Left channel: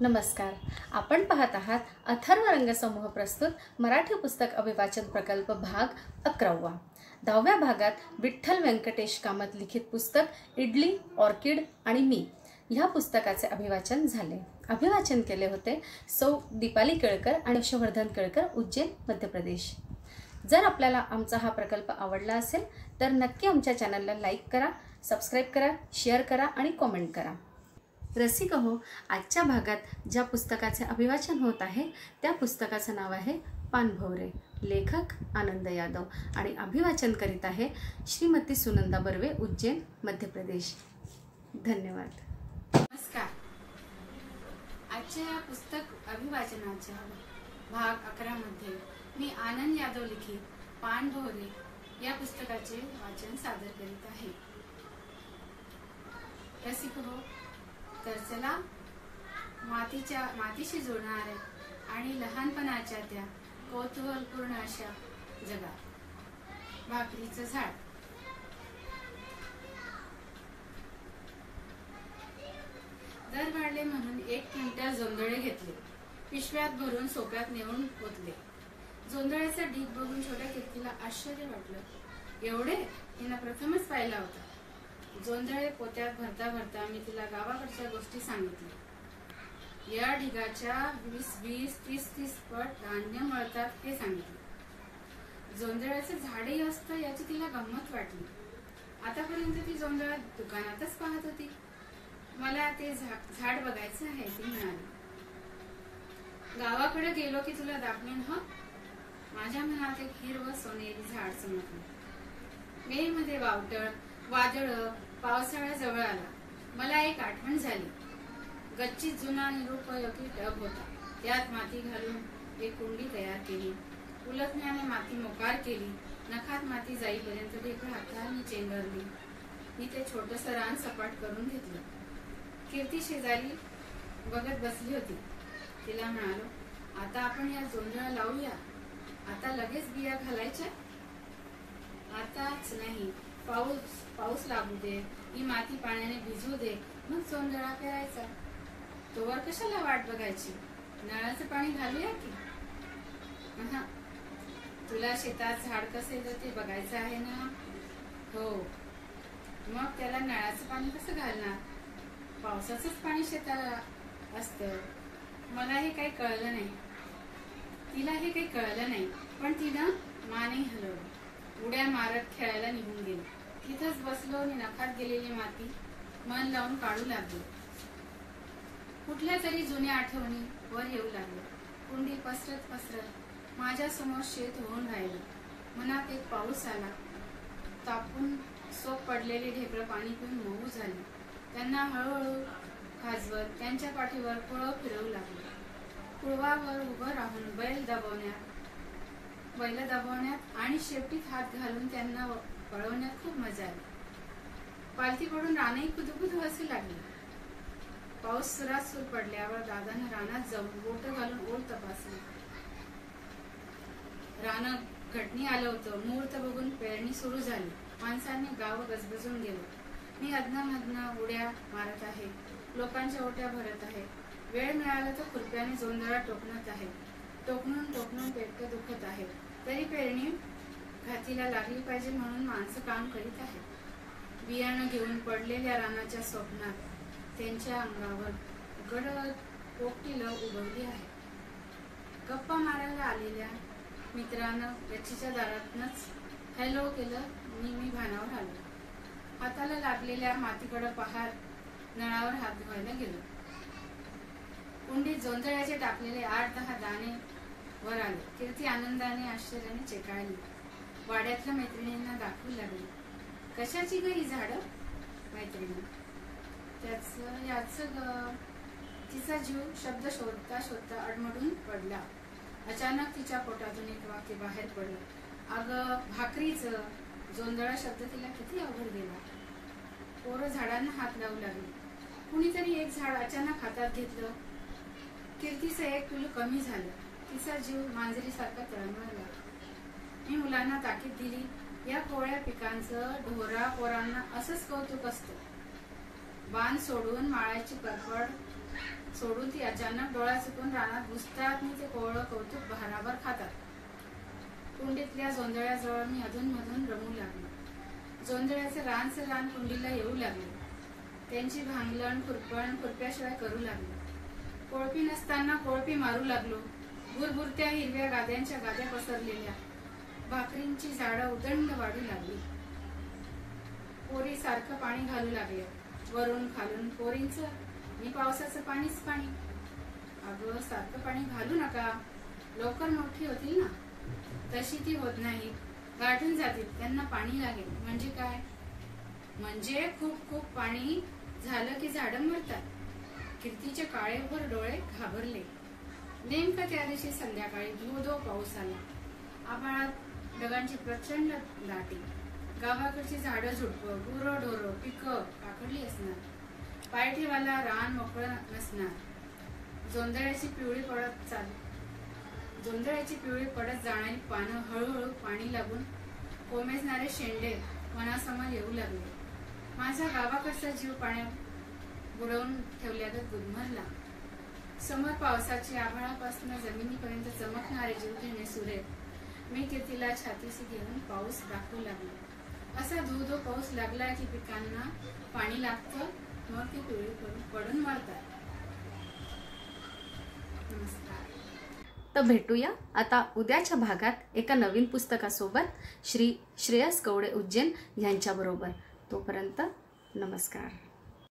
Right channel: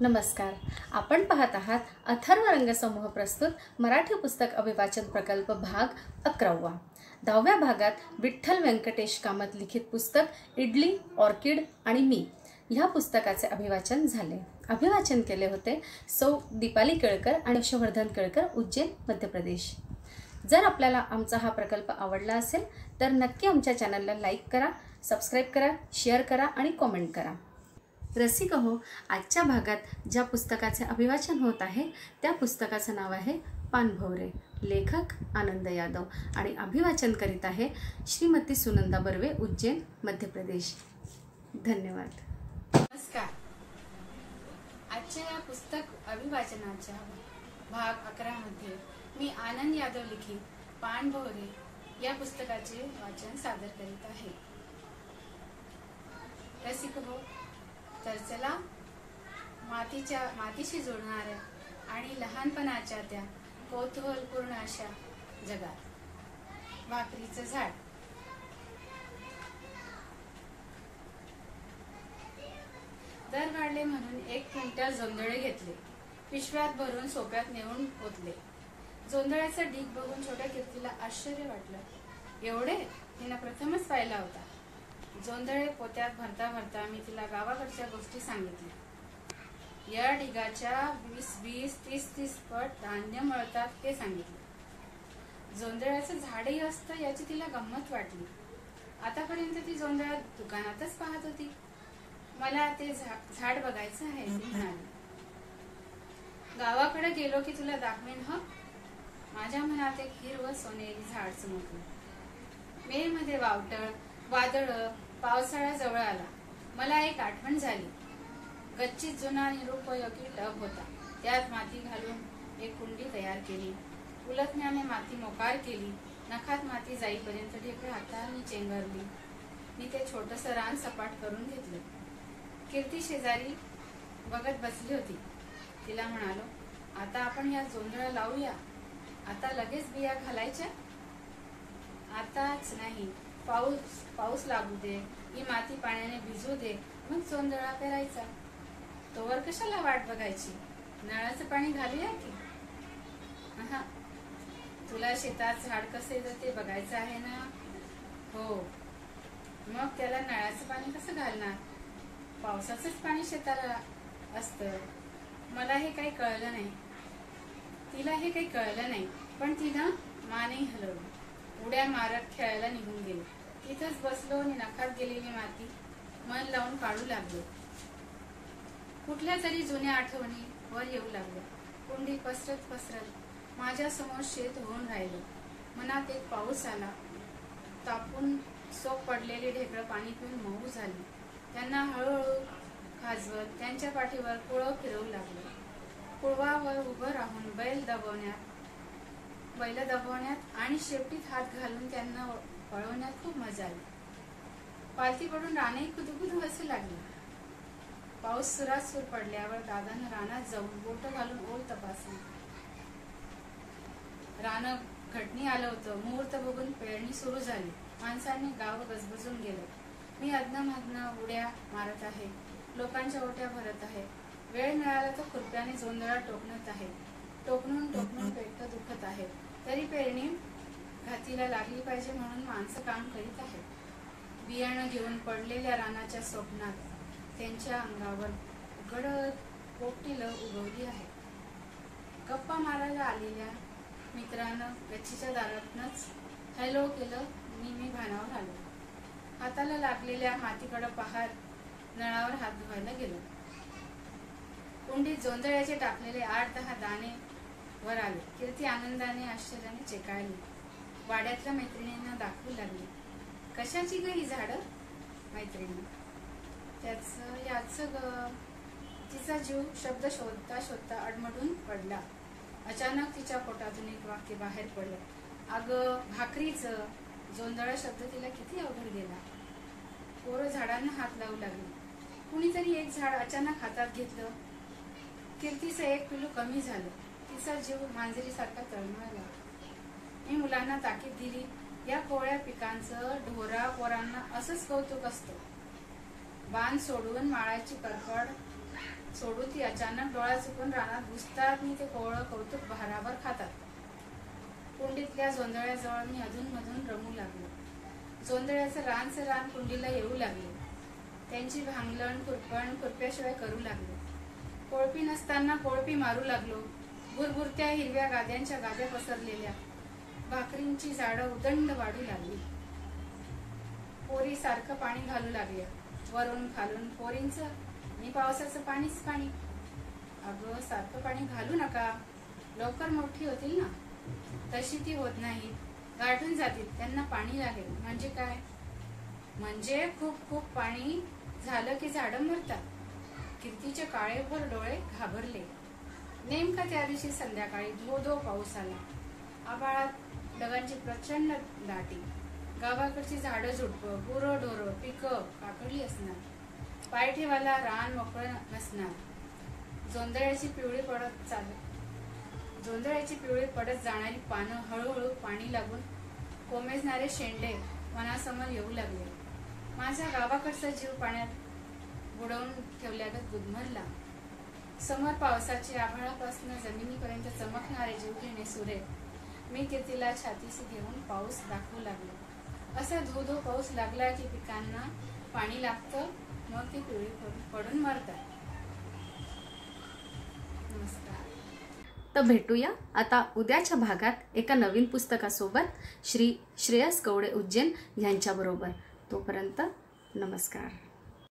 नमस्कार. आपण पाहत आहात अथर्व रंगसमूह प्रस्तुत मराठी पुस्तक अभिवाचन प्रकल्प भाग 11वा. 10व्या भागात विठ्ठल व्यंकटेश कामत लिखित पुस्तक इडली, ऑर्किड आणि मी ह्या पुस्तकाचे अभिवाचन झाले. अभिवाचन केले होते सौ दीपाली केळकर आणि यशवर्धन केळकर, उज्जैन, मध्य प्रदेश. जर आपल्याला आमचा हा प्रकल्प आवडला असेल तर नक्की आमच्या चॅनलला लाईक करा, सबस्क्राईब करा, शेअर करा आणि कमेंट करा. रसिक हो, आजच्या भागात ज्या पुस्तकाचे अभिवाचन होत आहे त्या पुस्तकाचं नाव आहे पानभवरे. लेखक आनंद यादव आणि अभिवाचन करीत आहे श्रीमती सुनंदा बर्वे, उज्जैन, मध्य प्रदेश. धन्यवाद. नमस्कार. आजच्या या पुस्तक अभिवाचनाच्या भाग 11 मध्ये मी आनंद यादव लिखित पानभवरे या पुस्तकाचे वाचन सादर करीत आहे. रसिक हो, तर चला मातीशी जोडणाऱ्या आणि लहानपणाच्या त्या कौतूहलपूर्ण अशा जगात. भाकरीचं झाड. दर वाढले म्हणून 1 क्विंटल जोंधळे घेतले. पिशव्यात भरून सोप्यात नेऊन ओतले. जोंधळ्याचा ढीग बघून छोट्या कीर्तीला आश्चर्य वाटलं. एवढे हिनं प्रथमच पाहिला होता. जोंधळे पोत्यात भरता भरता मी तिला गावाकडच्या गोष्टी सांगितल्या. या ढिगाच्या 20-30 पट धान्य मळतात ते सांगितले. जोंधळ्याचं झाडही असतं याची तिला गंमत वाटली. आतापर्यंत ती जोंधळा दुकानातच पाहत होती. मला ते झाड बघायचं आहे ती म्हणाली. गावाकडे गेलो की तुला दाखवेन ह. माझ्या मनात एक हिरवं सोनेरी झाड चमकलं. मे मध्ये वादळ पावसाळा जवळ आला. मला एक आठवण झाली. गच्चीत जुना निरुपयोगी टब होता. त्यात माती घालून एक कुंडी तयार केली. उलटण्याने माती मोकार केली. नखात माती जाईपर्यंत ढेकळं हाताने चेंगरली. मी ते छोटस रान सपाट करून घेतलं. कीर्ती शेजारी बघत बसली होती. तिला म्हणालो, आता आपण या जोंधळा लावूया. आता लगेच बिया घालायच्या? आताच नाही. पाऊस लागू दे, ही माती पाण्याने भिजू दे, मग जोंधळा पेरायचा. तोवर कशाला वाट बघायची? नळाचं पाणी घालूया की. तुला शेतात झाड कसे येतं ते बघायचं आहे ना? हो. मग त्याला नळाचं पाणी कसं घालणार? पावसाचंच पाणी शेताला असतं. मला हे काही कळलं नाही. तिला हे काही कळलं नाही, पण तिनं मानही हलवली. उड्या मारत खेळायला निघून गेली. तिथंच बसलो आणि नखात गेलेली माती मन लावून काढू लागलो. कुठल्या तरी जुन्या आठवणी वर येऊ लागल्या. कुंडी पसरत माझ्या समोर शेत होऊन राहिलं. मनात एक पाऊस आला. तापून सोप पडलेली ढेकळं पाणी पिऊन मऊ झाली. त्यांना हळूहळू खाजवत त्यांच्या पाठीवर कुळव फिरवू लागलं. कुळवावर उभं राहून बैल दबवण्यात आणि शेपटीत हात घालून त्यांना पळवण्यात खूप मजा आली. पालथी पडून रानही कुदुकुदू हसू लागली. पाऊस सुरात पडल्यावर दादानं रानात जाऊन बोट घालून ओल तपासली. रान घटणी आलं होतं. मुहूर्त बघून पेरणी सुरू झाली. माणसांनी गाव गजबजून गेलं. मी अधनं उड्या मारत आहे. लोकांच्या ओट्या भरत आहे. वेळ मिळाला तर खुरप्याने जोंधळा टोकणत आहे. टोकणून पेटकं दुखत आहे. तरी पेरणी घातीला लागली पाहिजे म्हणून माणसं काम करीत आहेत. बियाणं घेऊन पडलेल्या रानाच्या स्वप्नात त्यांच्या अंगावर गडद पोपटीला उगवली आहे. गप्पा मारायला आलेल्या मित्रानं गच्चीच्या दारातनच हॅलो केलं. मी भानावर आलो. हाताला लागलेल्या मातीकडे पाहत नळावर हात धुवायला गेलो. कुंडीत जोंधळ्याचे टाकलेले 8-10 दाणे वर आले. कीर्ती आनंदाने आश्चर्याने चेकाळली. वाड्यातल्या मैत्रिणींना दाखवू लागली. कशाची ग ही झाडं? मैत्रिणी. तिचा जीव शब्द शोधता शोधता अडमडून पडला. अचानक तिच्या पोटातून एक वाक्य बाहेर पडलं. अगं भाकरीचं. जोंधळा शब्द तिला किती अवघड गेला. पोरं झाडांना हात लावू लागली. कुणीतरी एक झाड अचानक हातात घेतलं. कीर्तीचं एक पिलू कमी झालं. तिचा जीव मांजरीसारखा तळमळला. मी मुलांना ताकीद दिली. या कोवळ्या पिकांचं ढोरा पोरांना असंच कौतुक असतं. बाण सोडून माळाची परपड सोडून ती अचानक डोळा चुकून रानात घुसतात आणि ते कोवळं कौतुक भाराभर खातात. कुंडीतल्या जोंधळ्याजवळ मी अधूनमधून रमू लागलो. जोंधळ्याचं रान कुंडीला येऊ लागले. त्यांची भांगलण खुरपण खुरप्याशिवाय करू लागलो. कोळपी नसताना कोळपी मारू लागलो. भुरभुरत्या हिरव्या गाद्यांच्या गाद्या पसरलेल्या. भाकरींची झाडं उदंड वाढू लागली. पोरी सारखं पाणी घालू लागल्या. वरून खालून पोरींचं आणि पावसाचं पाणीच पाणी. अगं सारखं पाणी घालू नका, लवकर मोठी होतील ना. तशी ती होत नाही, गाठून जातील. त्यांना पाणी लागेल. म्हणजे काय? म्हणजे खूप खूप पाणी झालं की झाडं मरतात. कीर्तीचे काळेभोर डोळे घाबरले. नेमका त्या दिवशी संध्याकाळी धो धो पाऊस आला. आभाळात ढगांची प्रचंड दाटी. गावाकडची झाडं झुडपं, गुरं ढोरं, पिकं पाखडली असणार. पायठेवाला रान मोकळं नसणार. जोंधळ्याची पिवळी पडत जाणारी पानं हळूहळू पाणी लागून कोमेजणारे शेंडे मनासमोर येऊ लागले. माझ्या गावाकडचा जीव पाण्यात बुडवून ठेवल्यागत गुदमरला. समोर पावसाची आभाळापासून जमिनीपर्यंत चमकणारे जीवघेणे सुरे. मी कीर्तीला छातीशी घेऊन पाऊस दाखवू लागलो. असा धो धो पाऊस लागला की पिकांना पाणी लागतं, मग ती पिवळी पडून मरतात. नमस्कार. तर भेटूया आता उद्याच्या भागात एका नवीन पुस्तकासोबत श्री श्रेयस कवडे उज्जैन यांच्याबरोबर. तोपर्यंत नमस्कार.